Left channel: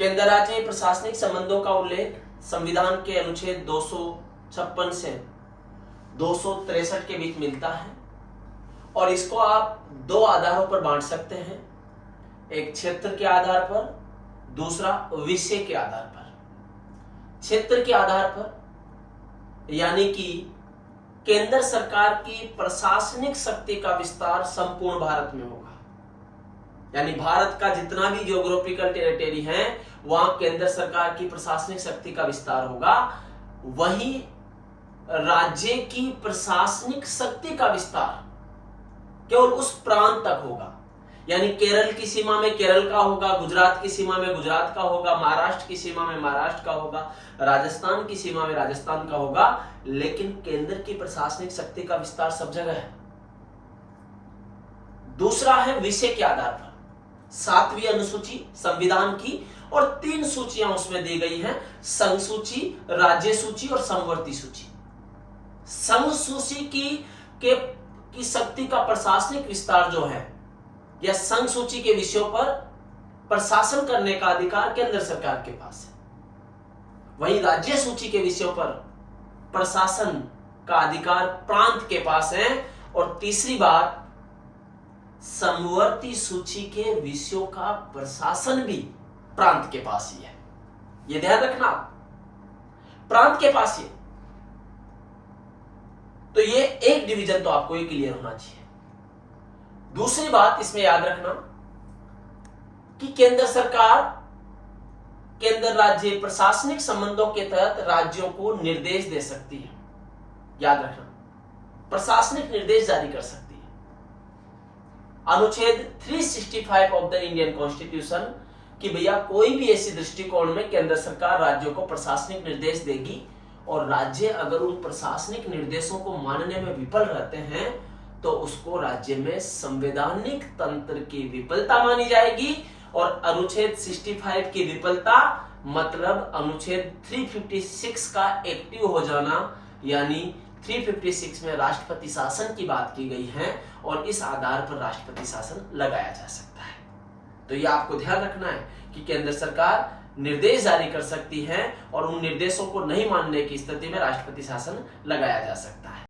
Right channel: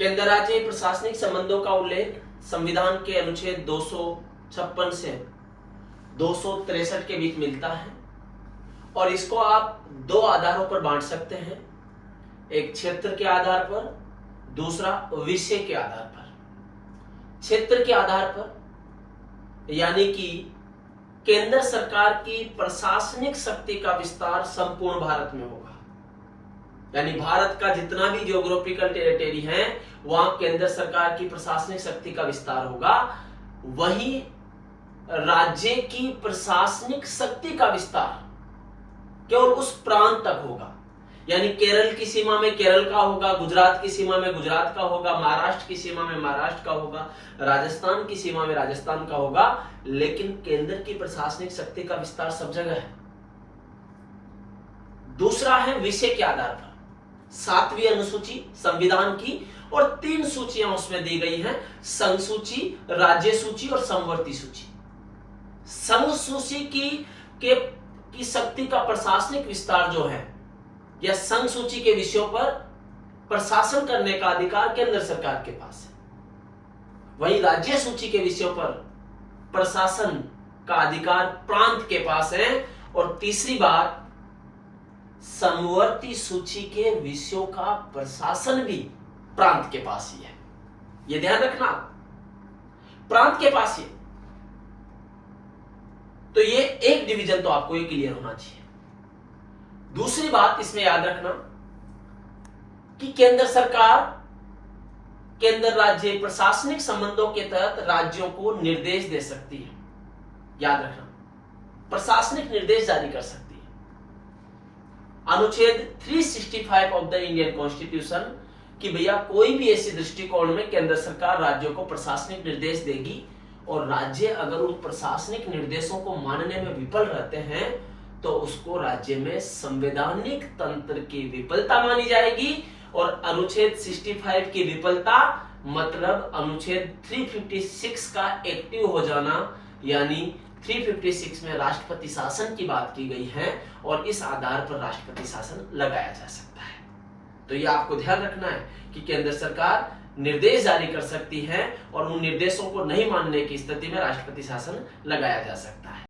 केंद्र राज्य प्रशासनिक संबंधों का उल्लेख संविधान के अनुच्छेद 256 से 263 के बीच मिलता है और इसको आप दो आधारों पर बांट सकते हैं, एक क्षेत्र के आधार पर, दूसरा विषय के आधार पर। क्षेत्र के आधार पर यानी कि केंद्र सरकार की प्रशासनिक शक्ति का विस्तार संपूर्ण भारत में होगा, यानी भारत का जितना भी ज्योग्राफिकल टेरिटरी है वहां केंद्र सरकार की प्रशासनिक शक्ति का विस्तार होगा। वही राज्य की प्रशासनिक शक्ति का विस्तार केवल उस प्रांत तक होगा, यानी केरल की सीमा में केरल का होगा, गुजरात की सीमा में गुजरात का होगा, महाराष्ट्र की सीमा में महाराष्ट्र का होगा, राजस्थान की सीमा में राजस्थान का होगा, लेकिन केंद्र की प्रशासनिक शक्ति का विस्तार सब जगह है। दूसरा है विषय के आधार पर, 7वीं अनुसूची संविधान की और 3 सूचियां उसमें दी गई हैं, संघ सूची, राज्य सूची और समवर्ती सूची। संघ सूची की शक्ति का प्रशासनिक विस्तार जो है या संघ सूची के विषयों पर प्रशासन करने का अधिकार केंद्र सरकार के पास है, वहीं राज्य सूची के विषयों पर प्रशासन का अधिकार प्रांत के पास है। और तीसरी बात, समवर्ती सूची के विषयों का प्रशासन भी प्रांत के पास ही है, यह ध्यान रखना, प्रांत के पास ही। तो ये एक डिवीजन तो आपको ये क्लियर होना चाहिए। दूसरी बात इसमें याद रखना कि केंद्र सरकार केंद्र राज्य प्रशासनिक संबंधों के तहत राज्यों को निर्देश दे सकती है, याद रखना, प्रशासनिक निर्देश जारी कर सकती है। अनुच्छेद 365 ऑफ द इंडियन कॉन्स्टिट्यूशन कि भैया कोई भी ऐसी दृष्टिकोण में केंद्र सरकार राज्यों को प्रशासनिक निर्देश देगी और राज्य अगर उन प्रशासनिक निर्देशों को मानने में विफल रहते हैं तो उसको राज्य में संवैधानिक तंत्र की विफलता मानी जाएगी। और अनुच्छेद 65 की विफलता मतलब अनुच्छेद 356 का एक्टिव हो जाना, यानी 356 में राष्ट्रपति शासन की बात की गई है और इस आधार पर राष्ट्रपति शासन लगाया जा सकता है। तो ये आपको ध्यान रखना है कि केंद्र सरकार निर्देश जारी कर सकती है और उन निर्देशों को नहीं मानने की स्थिति में राष्ट्रपति शासन लगाया जा सकता है।